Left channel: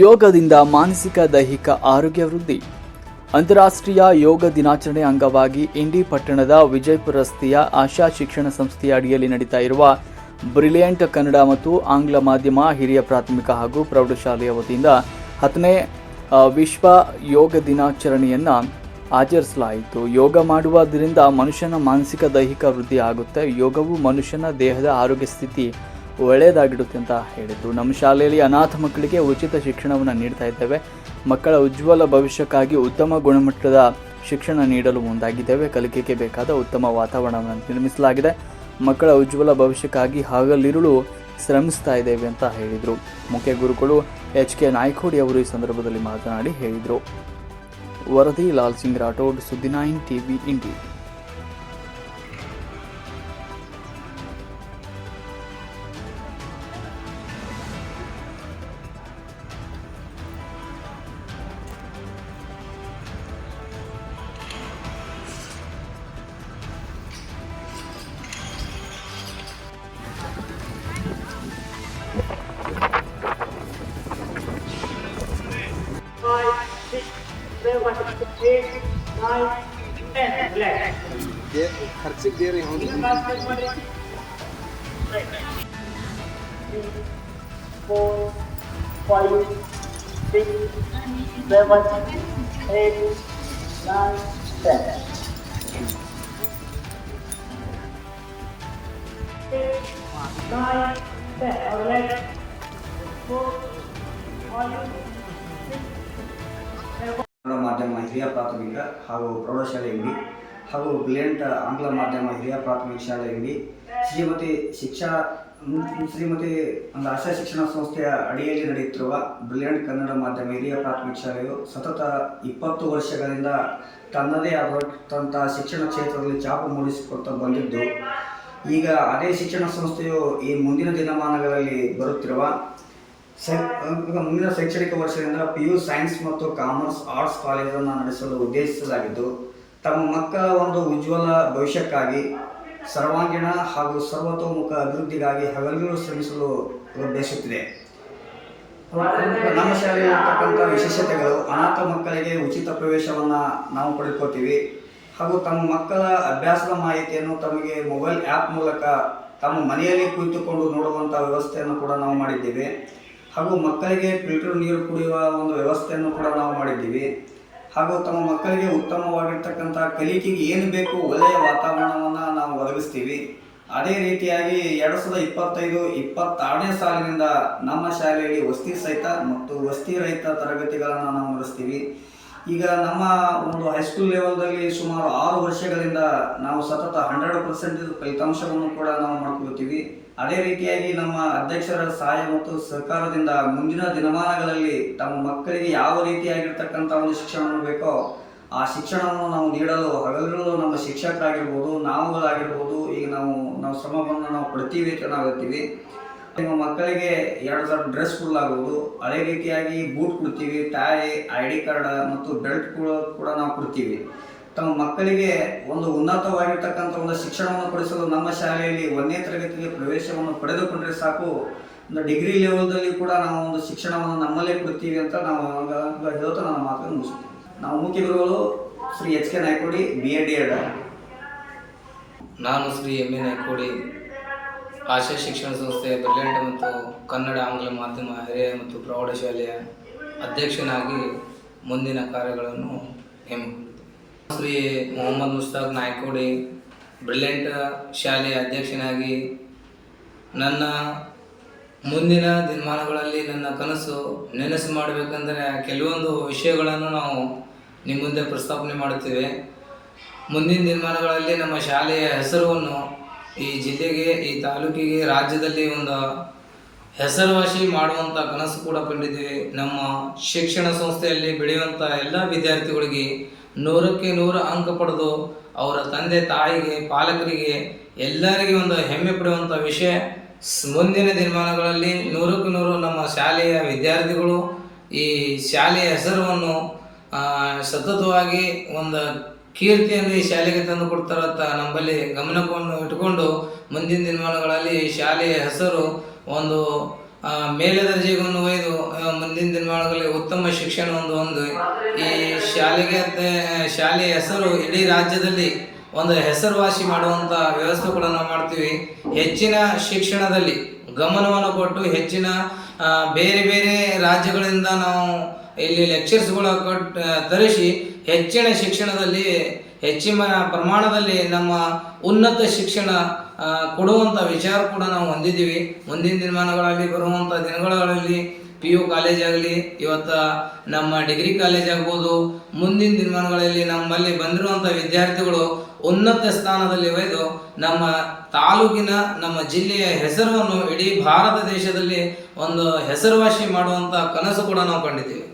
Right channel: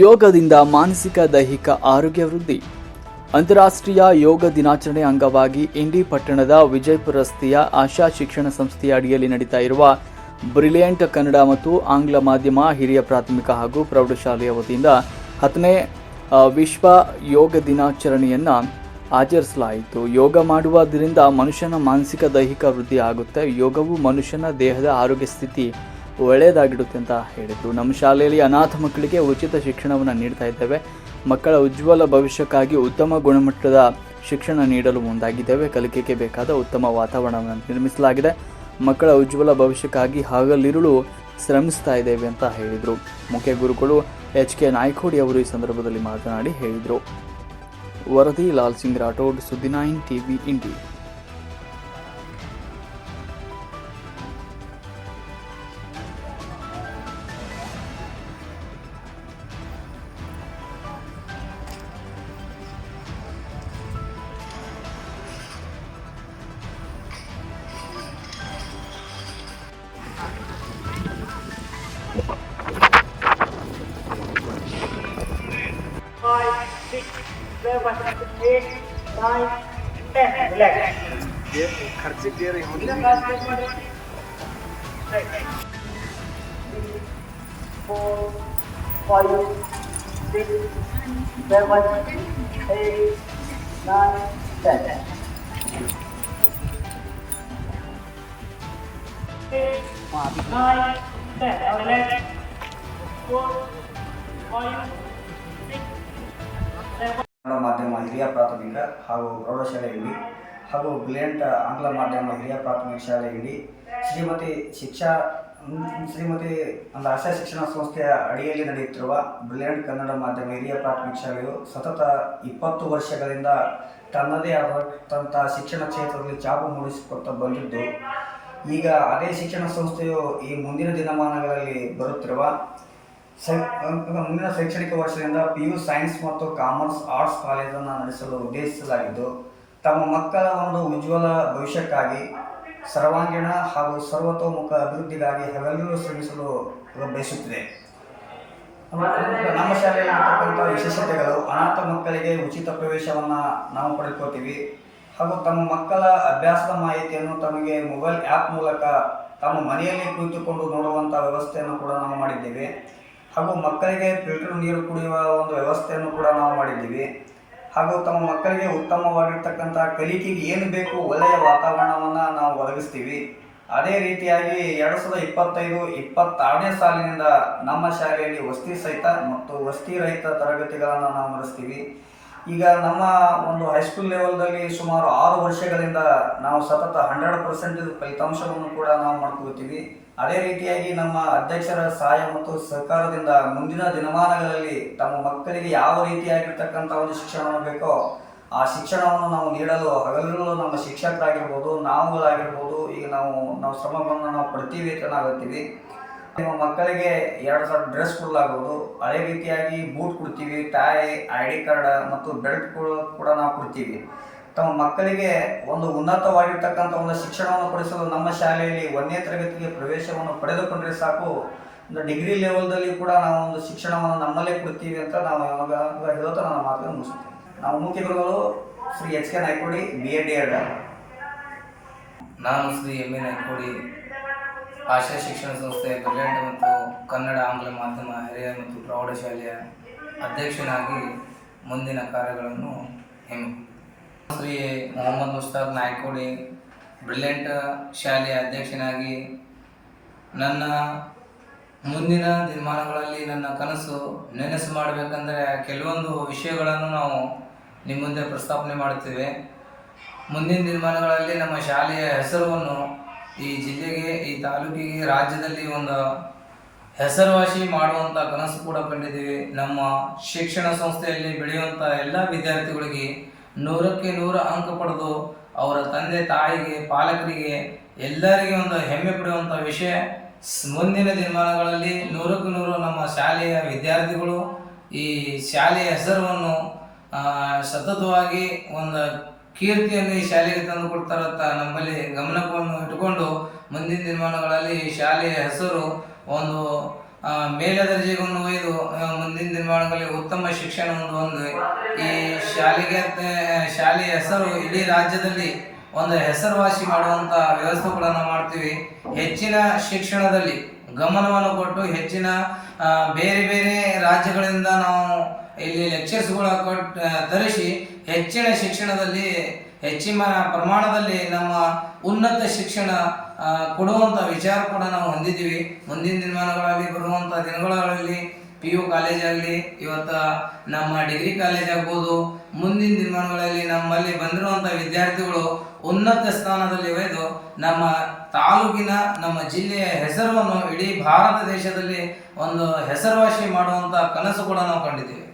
ಯೋಗದಿಂದ ಮಾನಸಿಕ ದೈಹಿಕ ಆರೋಗ್ಯ ವೃದ್ಧಿ. ಅಂತಾರಾಷ್ಟ್ರೀಯ ಯೋಗ ದಿನಾಚರಣೆ ಅಂಗವಾಗಿ ಇಂಡಿ ಪಟ್ಟಣದ ವಿಜಯಪುರ ರಸ್ತೆಯ ಆಶಾ ಶಿಕ್ಷಣ ಸಂಸ್ಥೆಯ ಅಡಿಯಲ್ಲಿ ನಡೀತಾ ಇರುವ ಬ್ರಿಲಿಯಂಟ್ ಕನ್ನಡ ಮತ್ತು ಆಂಗ್ಲ ಮಾಧ್ಯಮ ಹಿರಿಯ ಪ್ರಾಥಮಿಕ ಹಾಗೂ ಪ್ರೌಢಶಾಲೆಯ ವತಿಯಿಂದ ಹತ್ತನೇ ವಿಶ್ವ ಯೋಗ ದಿನಾಚರಣೆಯನ್ನು ಆಚರಿಸಲಾಯಿತು. ಯೋಗ ಮಾಡುವುದರಿಂದ ಮನುಷ್ಯನ ಮಾನಸಿಕ ದೈಹಿಕ ವೃದ್ಧಿ ಆಗುತ್ತೆ. ಯೋಗವು ಮನುಷ್ಯನ ದೇಹದ ಆರೋಗ್ಯ ಸ್ಥಿತಿ ಒಳ್ಳೆಯದಾಗಿಡುತ್ತೆ ಅಂತ ಹೇಳಿದರು. ನಮ್ಮ ಶಾಲೆಯಲ್ಲಿ ಅನಾಥ ಮಕ್ಕಳಿಗೆ ಉಚಿತ ಶಿಕ್ಷಣವನ್ನು ನೀಡ್ತಾ ಇದ್ದೇವೆ. ಮಕ್ಕಳ ಉಜ್ವಲ ಭವಿಷ್ಯಕ್ಕಾಗಿ ಉತ್ತಮ ಗುಣಮಟ್ಟದ ಶಿಕ್ಷಣ ನೀಡಲು ಮುಂದಾಗಿದ್ದೇವೆ. ಕಲಿಕೆಗೆ ಬೇಕಾದ ಉತ್ತಮ ವಾತಾವರಣವನ್ನು ನಿರ್ಮಿಸಲಾಗಿದೆ. ಮಕ್ಕಳ ಉಜ್ವಲ ಭವಿಷ್ಯಕ್ಕಾಗಿ ಹಗಲಿರುಳು ಶ್ರಮಿಸ್ತಾ ಇದ್ದೇವೆ ಅಂತ ಹೇಳಿದರು. ಮುಖ್ಯ ಗುರುಗಳು ಎಚ್ ಕೆ ನಾಯ್ಕೋಡಿ ಅವರು ಈ ಸಂದರ್ಭದಲ್ಲಿ ಮಾತನಾಡಿ ಹೇಳಿದರು. ವರದಿ ಲಾಲ್ ಸಿಂಗ್ ರಾಠೋಡ್, ಸುದ್ದಿ ನೈನ್ ಟಿವಿ ಇಂಡಿ seven, eight, nine, ten. Relax. ಈಗ class break ಮಾಡ್ರಿ. Right. Three, four, five, six, seven, eight, nine, ten. Eight, nine, ten. Now relax. Four, five, six, seven. Kannada ಮಾಧ್ಯಮ ಹಿರಿಯ ಪ್ರಾಥಮಿಕ ಹಾಗೂ ಪ್ರೌಢಶಾಲೆಯಲ್ಲಿ ಹಾಗೂ ಬ್ರಿಲಿಯಂಟ್ ಆಂಗ್ಲ ಮಾಧ್ಯಮ ಹಿರಿಯ ಪ್ರಾಥಮಿಕ ಶಾಲೆಯಲ್ಲಿ ಶ್ರೀಮತಿ ಶಿಕ್ಷಾ ಶ್ರೀಮತಿ ಒಂದು ಆಶಾ ಶಿಕ್ಷಣ ಸಂಸ್ಥೆಯ ಅಡಿಯಲ್ಲಿ ನಡೆಯುತ್ತಿರುವ ಬ್ರಿಲಿಯಂಟ್ ಕನ್ನಡ ಮಾಧ್ಯಮ ಹಿರಿಯ ಪ್ರಾಥಮಿಕ ಶಾಲೆಯು ಸತತ ಇಪ್ಪತ್ತು ವರ್ಷಗಳಿಂದ ತನ್ನದೇ ಆದಂಥ ಶಿಕ್ಷಣ ಕ್ಷೇತ್ರದಲ್ಲಿ ಚಾಪು ಮೂಡಿಸಿಕೊಳ್ತಾ ಬಂದಿದ್ದು, ಈಗ ಅದೇ ಶಿಕ್ಷಣ ಸಂಸ್ಥೆಯು ಈ ಮುಂದಿನ ದಿನಮಾನಗಳಲ್ಲಿ ಬರುತ್ತಿರುವ ಮುಂದಿನ ಶೈಕ್ಷಣಿಕ ವರ್ಷದಿಂದ ಪಿ ಯು ಸೈನ್ಸ್ ಮತ್ತು ಕಾಮರ್ಸ್ ಆರ್ಟ್ಸ್ ಕಾಲೇಜನ್ನು ನಡೆಸಲು ಉದ್ದೇಶಿಸಲಾಗಿದ್ದು, ತಮ್ಮ ಮಕ್ಕಳ ಒಂದು ಉಜ್ವಲ ಭವಿಷ್ಯಕ್ಕಾಗಿ ಸರ್ವಾಂಗೀಣ ಹಾಗೂ ಸರ್ವತೋಮುಖ ಅಭಿವೃದ್ಧಿಗಾಗಿ ಹಗಲಿರುಳು ಶ್ರಮಿಸಲು ಬಯಸುತ್ತಿದೆ. ನಮ್ಮ ಶಾಲೆಯಲ್ಲಿರ್ತಕ್ಕಂಥ ವಿಶೇಷತೆಗಳು, ಅನಾಥ ಮಕ್ಕಳಿಗೆ ಉಚಿತ ಪ್ರವೇಶವನ್ನು ನಾವು ಪಡೆದುಕೊಳ್ತೀವಿ ಹಾಗೂ ತಮ್ಮ ಮಕ್ಕಳ ಅಭ್ಯಾಸದ ಮಾಹಿತಿಯನ್ನು ತಮಗೆ ಮೊಬೈಲ್ ಆ್ಯಪ್ ಮೂಲಕ ತಮ್ಮ ಮನೆಯಲ್ಲಿ ಕುಳಿತುಕೊಂಡು ನೋಡುವಂಥ ವ್ಯವಸ್ಥೆಯನ್ನು ಕೂಡ ನಾವು ಮಾಡಿದ್ದೇವೆ. ಹಾಗೂ ಮಕ್ಕಳಿಗೆ ಫಿಲ್ಟರ್ ನೀರು ಕುಡಿಯುವ ಒಂದು ವ್ಯವಸ್ಥೆಯನ್ನು ಕೂಡ ನಾವು ಮಾಡಿದ್ದೀವಿ. ಹಾಗೂ ತಮ್ಮ ಮಕ್ಕಳಿಗೆ ಉತ್ತಮವಾಗಿರ್ತಕ್ಕಂಥ ಕಲಿಕೆಗೆ ಏನು ಬೇಕು ಒಳ್ಳೆಯ ವಾತಾವರಣವನ್ನು ನಾವು ಒದಗಿಸ್ತೀವಿ. ಅದೇ ರೀತಿಯಾಗಿ ಎರಡು ಸಾವಿರದ ಇಪ್ಪತ್ತೈದು, ಇಪ್ಪತ್ತಾರನೇ ಸಾಲಿನಿಂದ ನಮ್ಮ ಶಾಲೆಯಲ್ಲಿ ವಸತಿ ಸಹಿತ ಮತ್ತು ವಸತಿ ರಹಿತ ತರಗತಿಗಳನ್ನು ನಾವು ನಡೆಸ್ತೀವಿ. ಈಗ ನಮ್ಮ ಒಂದು ಹೈಸ್ಕೂಲ್ ಲೆವೆಲ್ದಲ್ಲಿ ಸುಮಾರು ಆರು ವರ್ಷಗಳಿಂದ ನಾವು ಸತತ ಹಂಡ್ರೆಡ್ ಪರ್ಸೆಂಟೇಜ್ ಫಲಿತಾಂಶವನ್ನು ಕೂಡ ನಾವು ಮಾಡ್ಕೊಳ್ತೀವಿ. ಅದೇ ರೀತಿಯಾಗಿ ನಮ್ಮ ಅಧ್ಯಕ್ಷರ ಸಹಾಯ ಮತ್ತು ಸರ್ಕಾರದಿಂದ ಮುಂದಿನ ದಿನಮಾನಗಳಲ್ಲಿ ತಮ್ಮ ಮಕ್ಕಳಿಗೆ ಯಾವ ರೀತಿಯಾಗಿರ್ತಕ್ಕಂಥ ಒಂದು ಶಿಕ್ಷಣವನ್ನು ಬೇಕೋ ಆ ಶಿಕ್ಷಣವನ್ನು ನಾವು ನೀಡಲು ಹಗಲುಗಳು ನಮ್ಮ ಶಿಕ್ಷಕರಾಗಿರ್ಬೋದು, ನಾವುಗಳಾಗಿರ್ಬೋದು, ಈಗ ನಾವು ನಾವು ಶ್ರಮವನ್ನು ನಾವು ಪಡ್ತೀವಿ ಅಂತ ನಾವು ಹೇಳ್ತೀವಿ. ನಿಮ್ಮ ಮಕ್ಕಳಿಗೆ ಎರಡು ಸಾವಿರ ಡ್ರೆಸ್ ಕೊಡಲಾಗುವುದು ಅದೇ ರೀತಿಯಾಗಿ ಬೂಟ್ ಕೊಡ್ತೀವಿ ಟೈ ಐ ಡಿ ಕಾರ್ಡ್ ಮತ್ತು ಬೆಲ್ಟ್ ಕೂಡ ನಾವು ಕೊಡ್ತೀವಿ. ತಮ್ಮ ಮಕ್ಕಳಿಗೆ ಒಂದು ಉನ್ನತವಾಗಿರ್ತಕ್ಕಂಥ ಒಂದು ಶಿಕ್ಷಣವನ್ನು ಕೊಡಿಸಲು ನಮ್ಮ ಶಾಲೆಯಲ್ಲಿ ಒಂದನೇ ತರಗತಿಗೆ ಪ್ರವೇಶವನ್ನು ಪಡೆದುಕೊಂಡ್ರೆ ಸಾಕು. ಒಂದು ಡಿಗ್ರಿ ಲೆವೆಲ್ದಲ್ಲಿ ಕೂಡ ನಾವು ಒಂದು ಶಿಕ್ಷಣವನ್ನು ನಮ್ಮಲ್ಲೇ ಕೊಡ್ತೀವಿ ಅಂತ ನಾವು ಇವಾಗ ಹೇಳ್ತಾ ನನ್ನ ಮಾತನ್ನು ಮುಗಿಸ್ತೀವಿ ನಾವು ಮುಖ್ಯ ಗುರುಗಳು Shri H K Naikodi B A D Ed ನಾನು ಶ್ರೀ ಎಂ ಎ ನಾಯ್ಕೋಡಿ, ಆಶಾ ಶಿಕ್ಷಣ ಸಂಸ್ಥೆ, ಬ್ರಿಲಿಯಂಟ್ ಮತ್ತು ಕನ್ನಡ ಆಂಗ್ಲ ಮಾಧ್ಯಮ ಹಿರಿಯ ಮತ್ತು ಪ್ರೌಢಶಾಲೆಯ ಅಧ್ಯಕ್ಷನಾಗಿ ಮುಂದಿನ ಕಾರ್ಯಗಳನ್ನು ಹೆಮ್ಮಿಕೊಂಡಿದ್ದೆ ಶ್ರೀ ಮೊಹಮ್ಮದ್ ಮುಸ್ತಾಕ್ ನಾಯ್ಕೋಡಿ, ಬ್ರಿಲಿಯಂಟ್ ಶಾಲೆಯ ಅಧ್ಯಕ್ಷನಾಗಿ ನನ್ನ ಮುಂದಿನ ದಿನಮಾನಗಳಲ್ಲಿ ನನ್ನ ಕನಸು ನೆನಸು ಮಾಡಬೇಕಂದ್ರೆ ಕೆಲವೊಂದು ವಿಷಯಗಳನ್ನು ನಾವು ನಿಮ್ಮ ಮುಂದೆ ಪ್ರಸ್ತಾಪನೆ ಮಾಡುತ್ತೇವೆ. ಮುಂದಿನ ದಿನಮಾನಗಳಲ್ಲಿ ನಮ್ಮ ಶಾಲೆಯ ಹೆಸರನ್ನು ಈ ಜಿಲ್ಲೆಗೆ, ಈ ತಾಲೂಕಿಗೆ, ರಾಜ್ಯದಲ್ಲಿ ಒಂದು ಹೆಸರುವಾಸಿ ಮಾಡುವಂಥ ಕನಸು ಕೂಡ ಕಂಡಿದ್ದೀವಿ. ನಮ್ಮ ಶಿಕ್ಷಣ ಸಂಸ್ಥೆಯಲ್ಲಿ ಬೆಳೆಯುವಂಥ ಎಲ್ಲ ವಿದ್ಯಾರ್ಥಿಗಳಿಗೆ ನೂರಕ್ಕೆ ನೂರು ಅಂಕ ಪಡೆದು ಅವರ ತಂದೆ ತಾಯಿಗೆ, ಪಾಲಕರಿಗೆ ಎಲ್ಲರಿಗೆ ಒಂದು ಹೆಮ್ಮೆ ಪಡುವಂಥ ವಿಷಯ. ಮುಂದಿನ ದಿನಮಾನಗಳಲ್ಲಿ ನೂರಕ್ಕೆ ನೂರು ನಮ್ಮ ಶಾಲೆಯ ವಿದ್ಯಾರ್ಥಿಗಳು ಈ ಶಾಲೆಯ ಹೆಸರನ್ನು ಸತತವಾಗಿ ಒಂದು ಕೀರ್ತಿಯನ್ನು ಈ ಶಾಲೆಗೆ ತಂದು ಕೊಡ್ತಾರಂತ ನಮ್ಮಲ್ಲಿ ಗಮನವನ್ನು ಇಟ್ಟುಕೊಂಡು ಮುಂದಿನ ದಿನಮಾನಗಳಲ್ಲಿ ಈ ಶಾಲೆಯ ಹೆಸರು ಒಂದು ಮೇಲ ದರ್ಜೆಗೊಂದು ಒಯ್ದು ಮುಂದಿನ ದಿನಮಾನಗಳಲ್ಲಿ ಉತ್ತಮ ಶಿಕ್ಷಣ ಒಂದು. ಒಂದು ಈ ಶಾಲೆಗೆ ಶಾಲೆಯ ಹೆಸರು ಇಡೀ ರಾಜ್ಯದಲ್ಲಿ ಒಂದು ಹೆಸರುವಾಸಿ ಮಾಡುವಂಥ ವ್ಯವಸ್ಥೆ ಕೂಡ ಮಾಡ್ತೀವಿ. ಹೆಚ್ಚಿನ ಶಿಕ್ಷಣದಲ್ಲಿ ಗಮನವನ್ನು ಕೊಟ್ಟು ಹೆಚ್ಚಿನ ಬೇರೆ ಬೇರೆ ರಾಜ್ಯಗಳಿಂದ ನಾವು ಇಲ್ಲಿ ಲೆಕ್ಚರ್ಸ್ಗಳ ಕೊಟ್ಟು ತರಿಸಿ ಹೆಚ್ಚಿನ ಶಿಕ್ಷಣದಲ್ಲಿ ಹೆಚ್ಚಿನ ಪ್ರಮಾಣದಲ್ಲಿ ನಮ್ಮ ಉನ್ನತ ಶಿಕ್ಷಣ ಕೊಡುವಂಥ ವಿಚಾರ ಕೂಡ ನಾವು ಹೊಂದಿದ್ದೀವಿ. ಮುಂದಿನ ದಿನಮಾನಗಳಲ್ಲಿ ಬರುವಂಥ ದಿನಗಳಲ್ಲಿ ಪಿ ಯು ಕಾಲೇಜ್ ಆಗಲಿ, ಇವತ್ತು ನಮ್ಮ ಡಿಗ್ರಿ ಕಾಲೇಜ್ ಆಗ್ಬೋದು. ಮುಂದಿನ ದಿನಮಾನಗಳಲ್ಲಿ ನಮ್ಮಲ್ಲಿ ಬಂದಿರುವಂಥ ವಿದ್ಯಾರ್ಥಿಗಳು ಉನ್ನತ ಸ್ಥಾನದಲ್ಲಿ ಒಯ್ದು ನಮ್ಮ ತಾಲೂಕಿನ, ನಮ್ಮ ಜಿಲ್ಲೆಯ ಹೆಸರನ್ನು ಇಡೀ ಭಾರತ ದೇಶದಲ್ಲಿ ಒಂದು ಹೆಸರುವಾಸಿ ಮಾಡುವಂಥ ಕನಸು ಕೂಡ ನಾವು ಕಂಡಿದ್ದೀವಿ.